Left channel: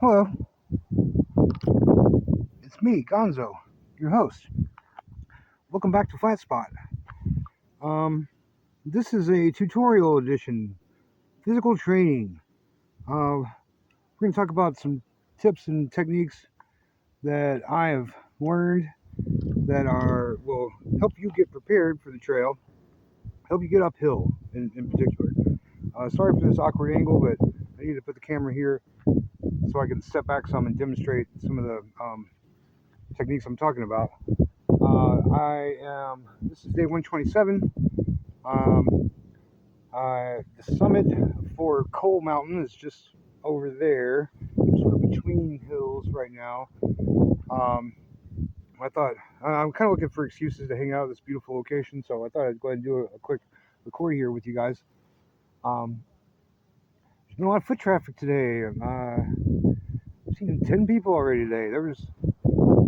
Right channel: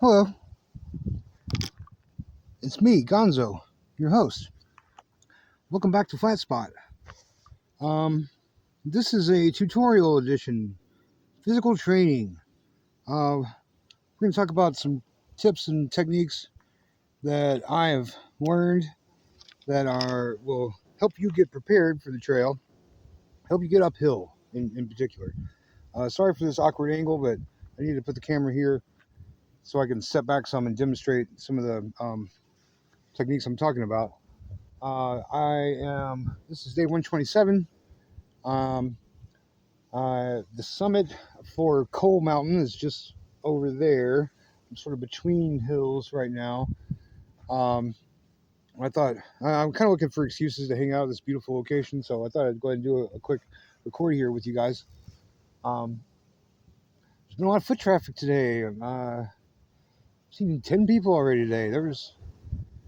Hello, it's me, Gonzo, your host. Welcome back to Flat Spot. Um, this is a tutorial edition, physical training. We're going to talk about some tips and techniques that I have learned that will help you get prepared for the trail, help you get uphill in particular. Sorry for this awkward angle, but I need to put the camera here so I can step back some and demonstrate some of the techniques I'm talking about. This is day 127. Um, the summit for Coal Mountain is just over there, sort of between hills right now. Um, I thought I'm kind of looking for excuses to hang out at this beautiful location, so I thought I'd go ahead and do a quick record here with you guys. Um, there's been a lot of foot traffic today. I've seen 10 people already today. There was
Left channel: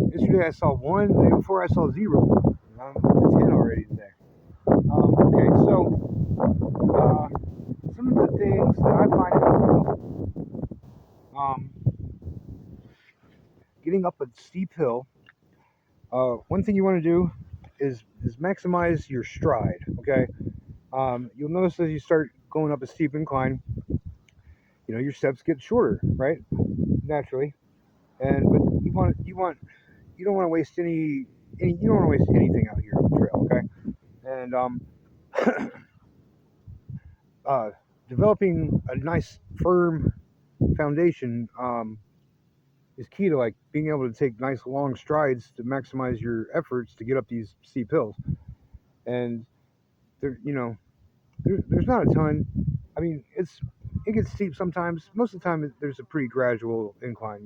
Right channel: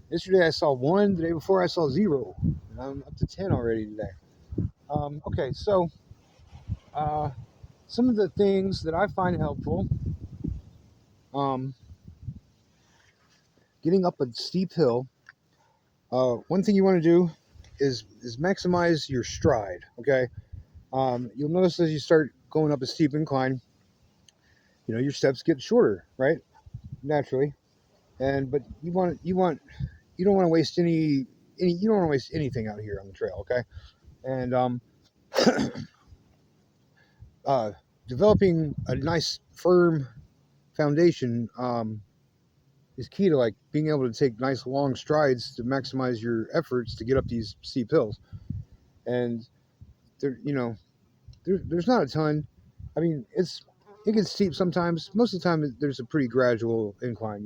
yesterday I saw one, the day before I saw zero, and I'm up to 10 already today. Okay, so some of the things that I find helpful. Um, Getting up a steep hill, one thing you want to do is maximize your stride. Okay, you'll notice as you start going up a steep incline, your steps get shorter, right? Naturally, but you don't want to waste any you don't want to waste anything out here on the trail. Okay, and uh, developing a nice firm foundation is key to like being able to take nice long strides to maximize your efforts to get up these steep hills. And there, there's not a ton. I mean, it gets steep sometimes. Most of the time, there's a pretty gradual incline,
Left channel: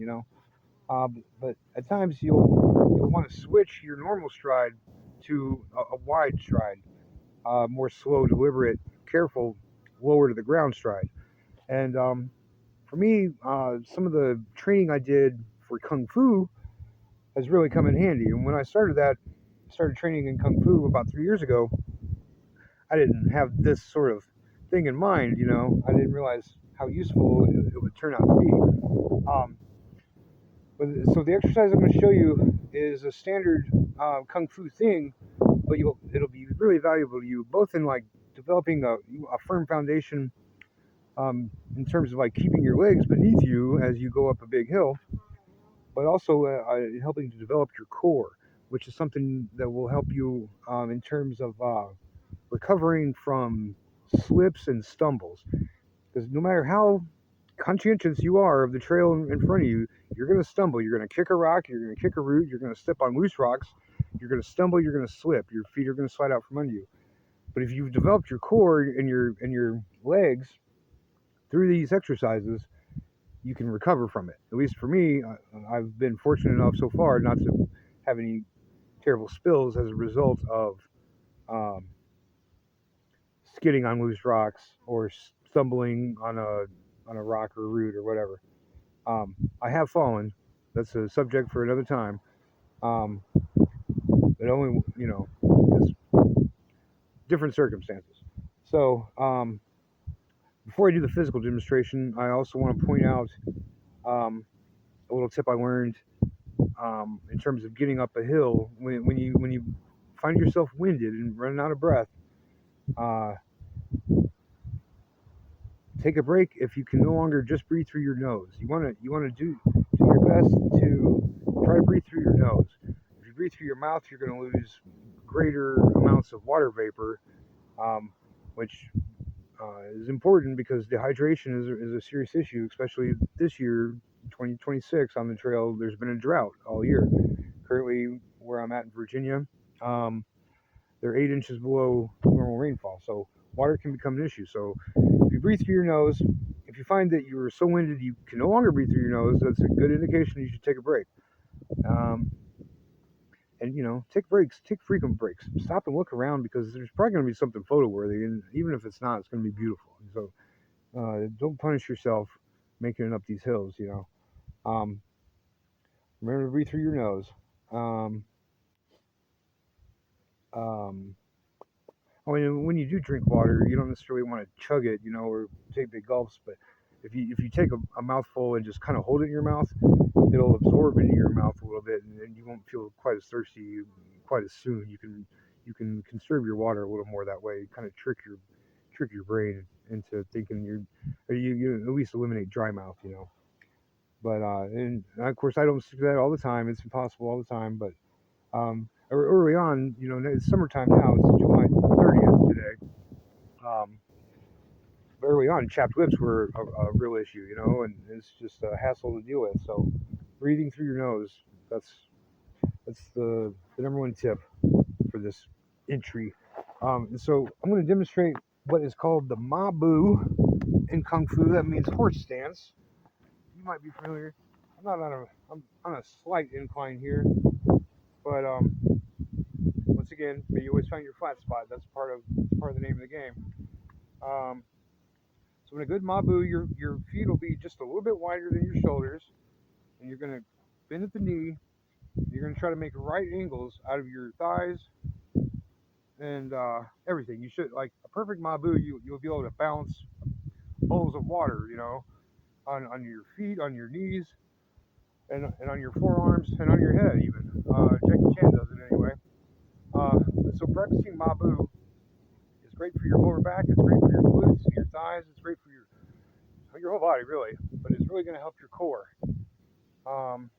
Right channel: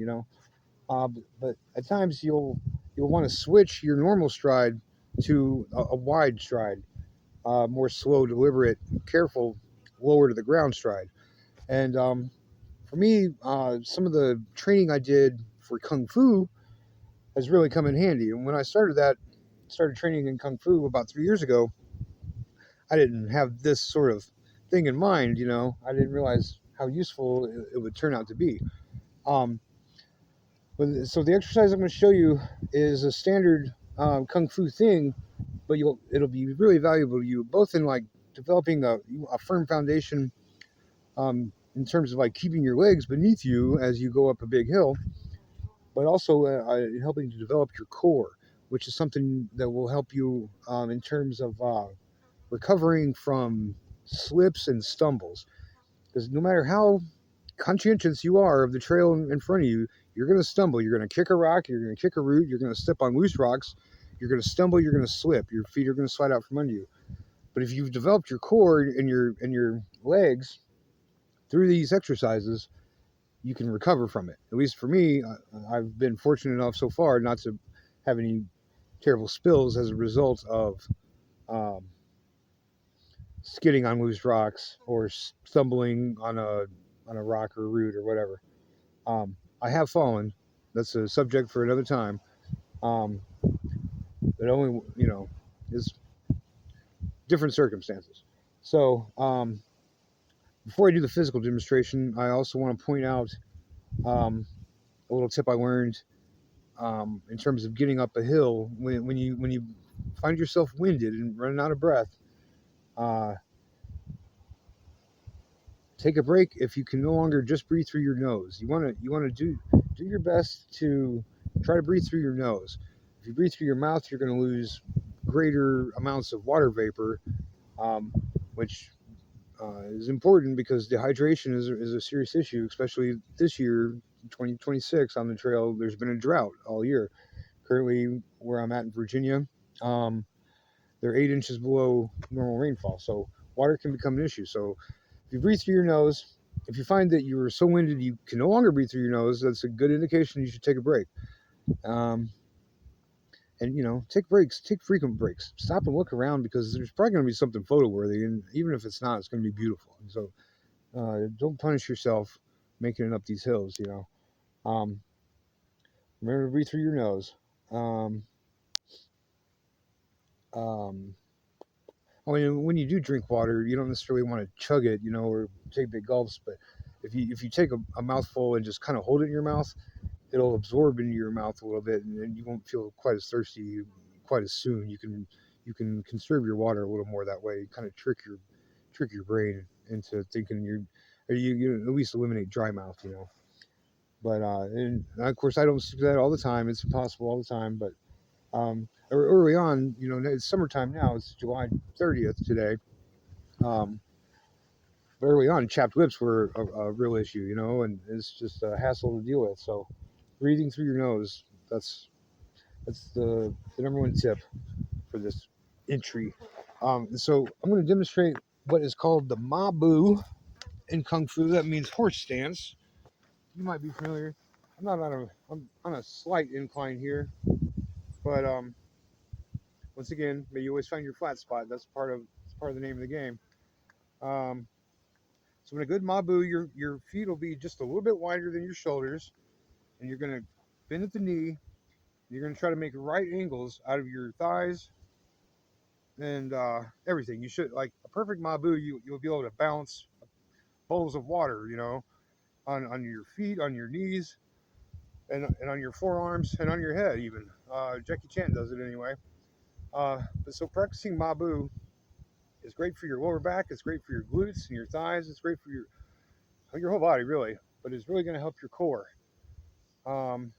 but at times you'll want to switch your normal stride to a wide stride, more slow, deliberate, careful, lower to the ground stride. And for me, some of the training I did for kung fu has really come in handy. And when I started training in kung fu about 3 years ago, I didn't have this sort of thing in mind. I didn't realize how useful it would turn out to be. Um, so the exercise I'm going to show you is a standard kung fu thing, but it'll be really valuable to you both in like developing a firm foundation in terms of like keeping your legs beneath you as you go up a big hill, but also helping to develop your core, which is something that will help you in terms of recovering from slips and stumbles. Because no matter how conscientious you are of the trail in front of you, you're going to stumble. You're going to kick a rock, you're going to kick a root, you're going to step on loose rocks, you're going to stumble, you're going to slip, your feet are going to slide out from under you. But if you've developed your core and your legs through these exercises, you can recover from it. At least for me, I've been fortunate enough so far not to have any terrible spills as a result of um, skidding on loose rocks or stumbling on a rock or root or whatever. I have fallen. That's a subject for another time. Um, but only is different circumstances. So before I do the physical demonstration, I also want to point out a little tip I learned in terms of getting up a hill when you find yourself winded and running out of breath. Uh, Take a break if you can no longer just breathe through your nose. You want to do your best to try to breathe through your nose. If you breathe through your mouth, you're going to lose greater amounts of water vapor, um, which is important because dehydration is a serious issue, especially this year, 2026 on the trail. There's been a drought all year. Currently, where I'm at in Virginia, um, they're 8 inches below normal rainfall, so water can become an issue. So if you breathe through your nose, if you find that you're so winded you can no longer breathe through your nose, that's a good indication you should take a break. Um, and take breaks, take frequent breaks. Stop and look around because there's probably going to be something photo worthy, and even if it's not, it's going to be beautiful. And so don't punish yourself making it up these hills. Um, Remember to breathe through your nose. Um, um, when you do drink water, you don't necessarily want to chug it, or take big gulps, but if you take a mouthful and just kind of hold it in your mouth, it'll absorb into your mouth a little bit, and then you won't feel quite as thirsty quite as soon. You can conserve your water a little more that way. Kind of trick your brain into thinking or you at least eliminate dry mouth, you know. But and of course I don't do that all the time. It's impossible all the time. But early on, you know, it's summertime now. It's July 30th today. Um, Early on, chapped lips were a real issue, you know, and it's just a hassle to deal with. So, breathing through your nose, that's the number one tip for this entry. So, I'm going to demonstrate what is called the Mabu in Kung Fu. That means horse stance. You might be familiar. I'm on a slight incline here, but once again, may you always find your flat spot. That's part of the name of the game. Um, So in a good Mabu, your feet will be just a little bit wider than your shoulders, and you're gonna bend at the knee. You're gonna try to make right angles out of your thighs and everything. You should like a perfect Mabu. You'll be able to balance bowls of water, you know, on your feet, on your knees, and on your forearms and on your head even. Jackie Chan does it anyway. So practicing Mabu is great for your lower back. It's great for your glutes and your thighs. It's great for your whole body really, but it's really going to help your core. Um,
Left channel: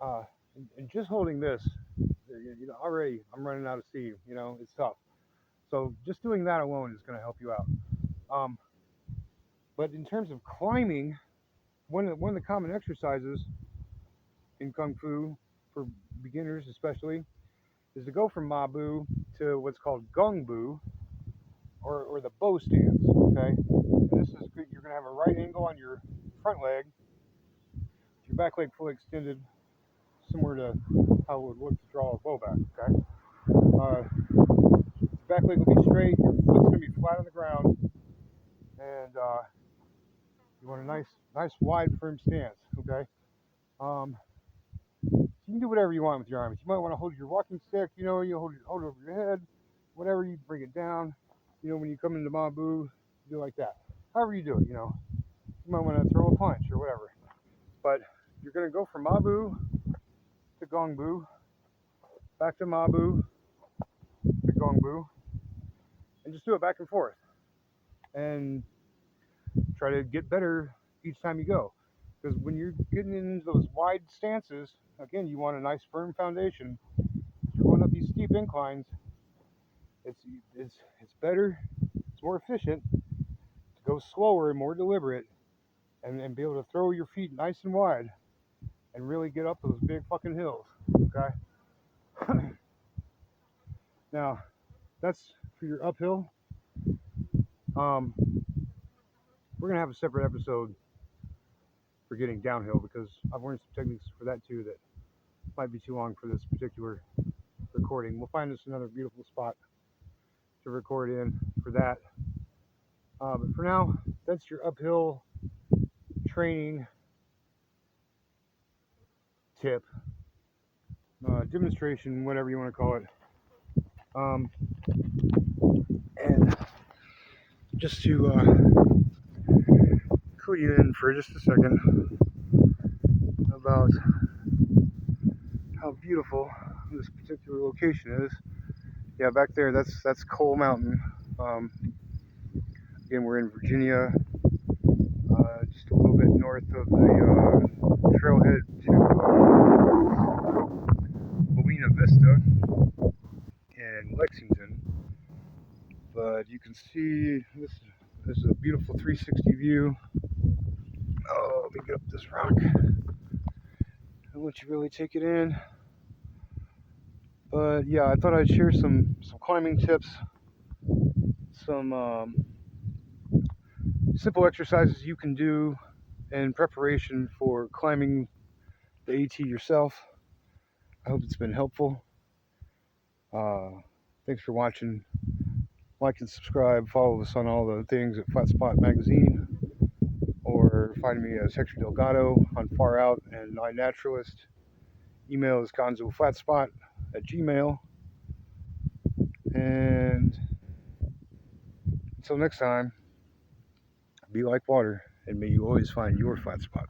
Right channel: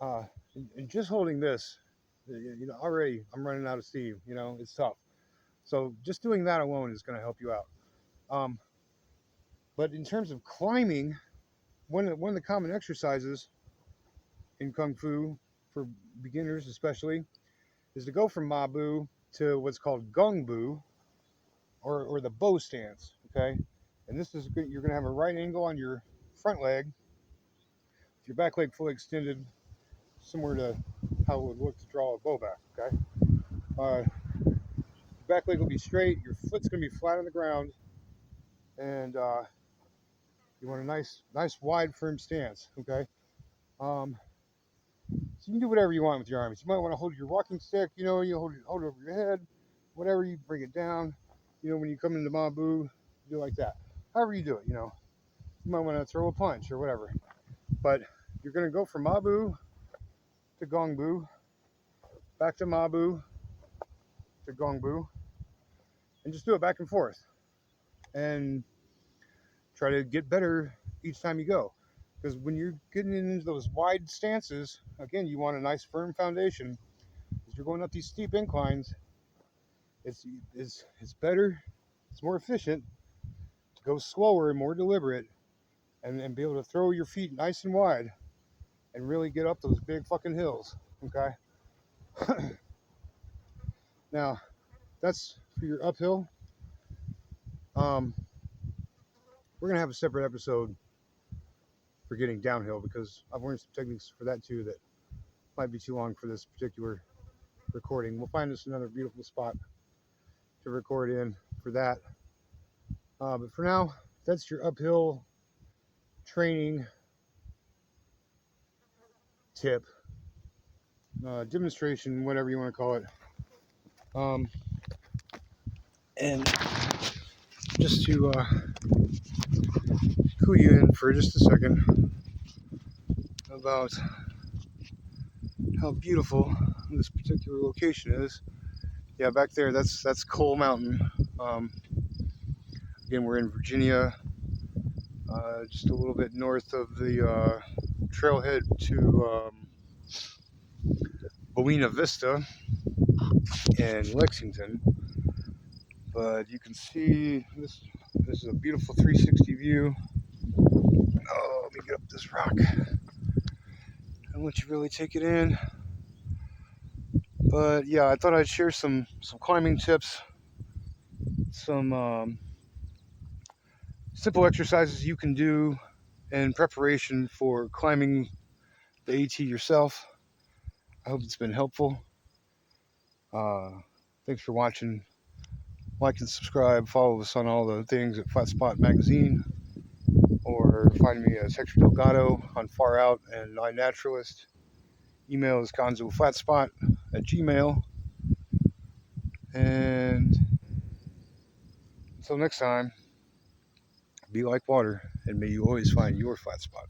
uh, and just holding this, you know, already I'm running out of steam. You know, it's tough. So just doing that alone is going to help you out. Um, but in terms of climbing, one of the common exercises in Kung Fu for beginners, especially, is to go from Mabu to what's called Gung Bu, or the bow stance. Okay, and this is good. You're going to have a right angle on your front leg, your back leg fully extended, similar to how it would look to draw a bow back. Okay, your back leg will be straight. Your foot's going to be flat on the ground, and you want a nice wide, firm stance. Okay. Um, so you can do whatever you want with your arms. You might want to hold your walking stick. You know, you hold it over your head. Whatever, you bring it down. You know, when you come into Mabu, do like that. However you do it, you know. You might want to throw a punch or whatever. But you're going to go from Mabu to Gongbu, back to Mabu to Gongbu, and just do it back and forth. And try to get better each time you go. Because when you're getting into those wide stances, again, you want a nice firm foundation. If you're going up these steep inclines, it's it's better, it's more efficient to go slower and more deliberate, and be able to throw your feet nice and wide and really get up those big fucking hills. Okay. Now, that's for your uphill. Um, we're gonna have a separate episode for getting downhill because I've learned some techniques for that too that might be too long for this particular recording. We'll find us another beautiful spot to record in for that. But for now, that's your uphill training tip, demonstration, whatever you want to call it. And just to clue you in for just a second about how beautiful this particular location is. Yeah, back there, that's Coal Mountain. Um, Again, we're in Virginia, just a little bit north of the trailhead to Buena Vista and Lexington. But you can see this is a beautiful 360 view. Oh, let me get up this rock. I'll let you really take it in. But yeah, I thought I'd share some climbing tips, some simple exercises you can do in preparation for climbing the AT yourself. I hope it's been helpful. Thanks for watching. Like and subscribe. Follow us on all the things at Flat Spot Magazine, or find me as Hector Delgado on Far Out and iNaturalist. Email is gonzoflatspot@gmail. And until next time, Be like water, and may you always find your flat spot.